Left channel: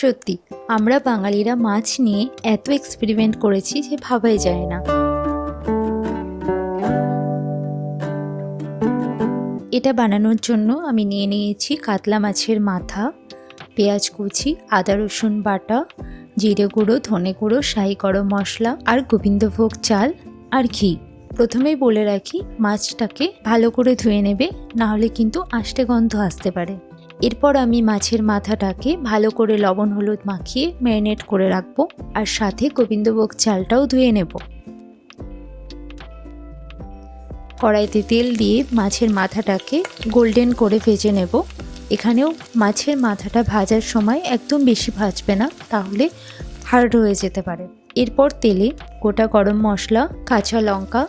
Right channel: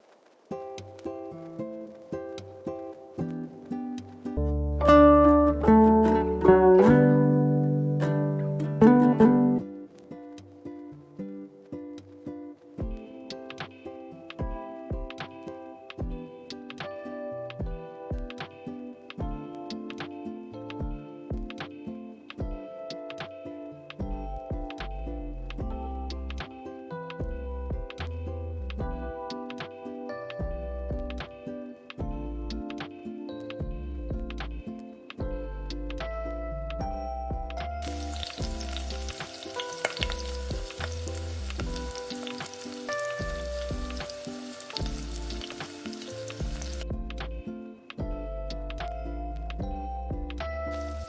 সত্যি আমরা বাঙালিরা মাছ নিয়ে এত এক্সপেরিমেন্ট করেছি যে ভাবাই যায় না। এটা বানানোর জন্য আমি নিয়ে নিয়েছি কাতলা মাছের মাথা, পেঁয়াজ কুচি, আদা রসুন বাটা, জিরে গুঁড়ো, ধনে গুঁড়ো, শাহি গরম মশলা আর গোবিন্দভোগ চাল আর ঘি। প্রথমেই বলে রাখি, মাছটাকে ভালো করে ধুয়ে নেবে, নাহলে কিন্তু আষ্টে গন্ধ আসতে পারে। এরপর আমি মাছের মাথাটাকে ভালো করে লবণ হলুদ মাখিয়ে ম্যারিনেট করে রাখবো, আর সাথে গোবিন্দভোগ চালটাও ধুয়ে নেব। কড়াইতে তেল দিয়ে মাছের মাথাটাকে গোল্ডেন করে ভেজে নেব। এখানেও মাছের মাথাটা ভাজার সময় একদম বেশি ভাজবে না, তাহলে হার্ড হয়ে যেতে পারে। এরপর তেলে গোটা গরম মশলা, কাঁচা লঙ্কা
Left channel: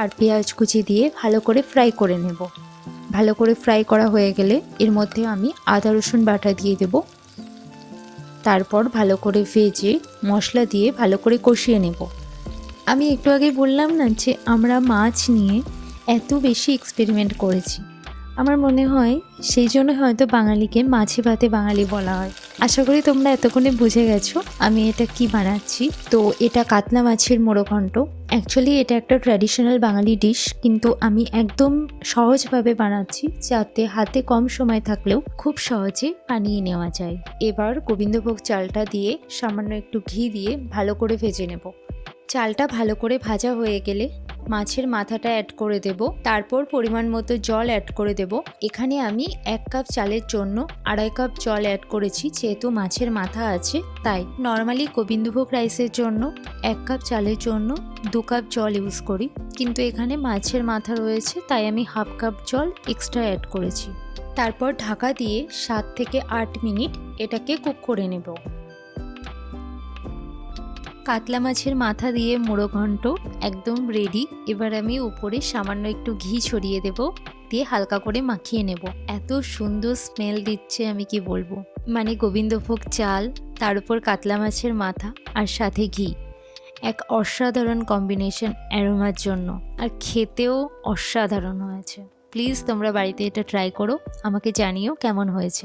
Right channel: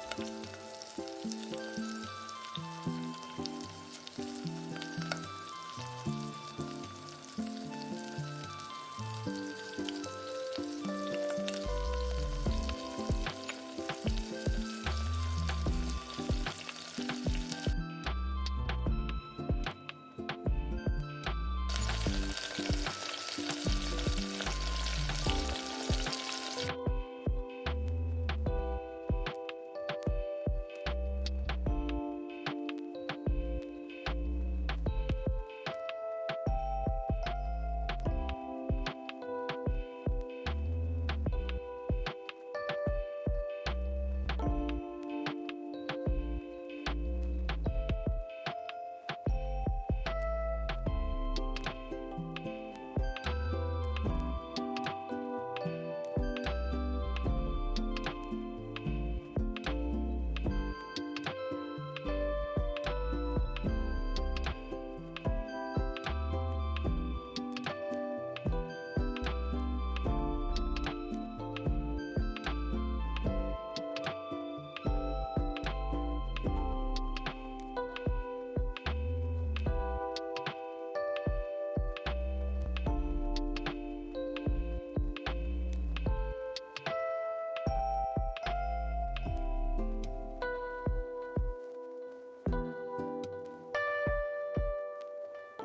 আর পেঁয়াজ কুচি দিয়ে ভালো করে ফ্রাই করে নেব। ভালো করে ফ্রাই করা হয়ে গেলে এর মধ্যে আমি আদা রসুন বাটা দিয়ে দেব। তারপর ভালো করে ভেজে মশলা দিয়ে ভালো করে কষিয়ে নেব। আমি একটু আগে বললাম না যে আমরা মাছ নিয়ে এত বেশি এক্সপেরিমেন্ট করেছি। আমার মনে হয় সেই জন্য হয়তো বাঙালিকে মাছে ভাতে বাঙালি বলা হয়। আশা করি তোমরা এতক্ষণে বুঝে গেছো আমি এটা কি বানাচ্ছি। তো এটা কাতলা মাছের মোড়ঘণ্ট। অ্যাকচুয়ালি এটা একটা ট্র্যাডিশনাল বাঙালি ডিশ, কিন্তু আমি একদম সহজভাবে বানাচ্ছি, যাতে হাতে কম সময় থাকলেও খুব সহজে বানিয়ে নেওয়া যায়। এবার গোবিন্দভোগ চালটা দিয়ে সামান্য একটু ঘি দিয়ে ভালো করে ভেজে নেব। চালটা ভালো করে ভাজা হয়ে গেলে মাছের মাথাটা অ্যাড করে দেব। তারপর পরিমাণ মতো জল অ্যাড করে দেব। এখানে আমি 1 কাপ চালের জন্য 2.5 কাপ জল অ্যাড করেছি, যেহেতু মাছের মাথা আছে তাই। নর্মালি গোবিন্দভোগ রাইসের জন্য 1 কাপ চালের জন্য 2 কাপ জল ইউজ করি, কিন্তু এখানে মাছের মাথা রয়েছে তাই আমি 1/2 কাপ জল এক্সট্রা অ্যাড করেছি। তারপর ঢাকা দিয়ে 7 থেকে 8 মিনিট এটাকে কুক করে নেব। কাতলা মাছের মাথা দিয়ে মোড়ঘণ্ট একদম রেডি। এবার আমি উপরে সামান্য একটু ঘি ছড়িয়ে দেব, দিয়ে হালকা করে মাখিয়ে নেব। এত সুন্দর স্মেল দিচ্ছে, আমি কি বলবো। মানে গোবিন্দভোগ চাল, তার উপর কাতলা মাছের মাথা আর সাথে ঘি, এক অসাধারণ কম্বিনেশন অ্যারোমার জন্য, আর খেতেও অসাধারণ হয়েছে। প্লিজ তোমরা বাড়িতে এটা ট্রাই করো, আমাকে জানিও কেমন হয়েছে।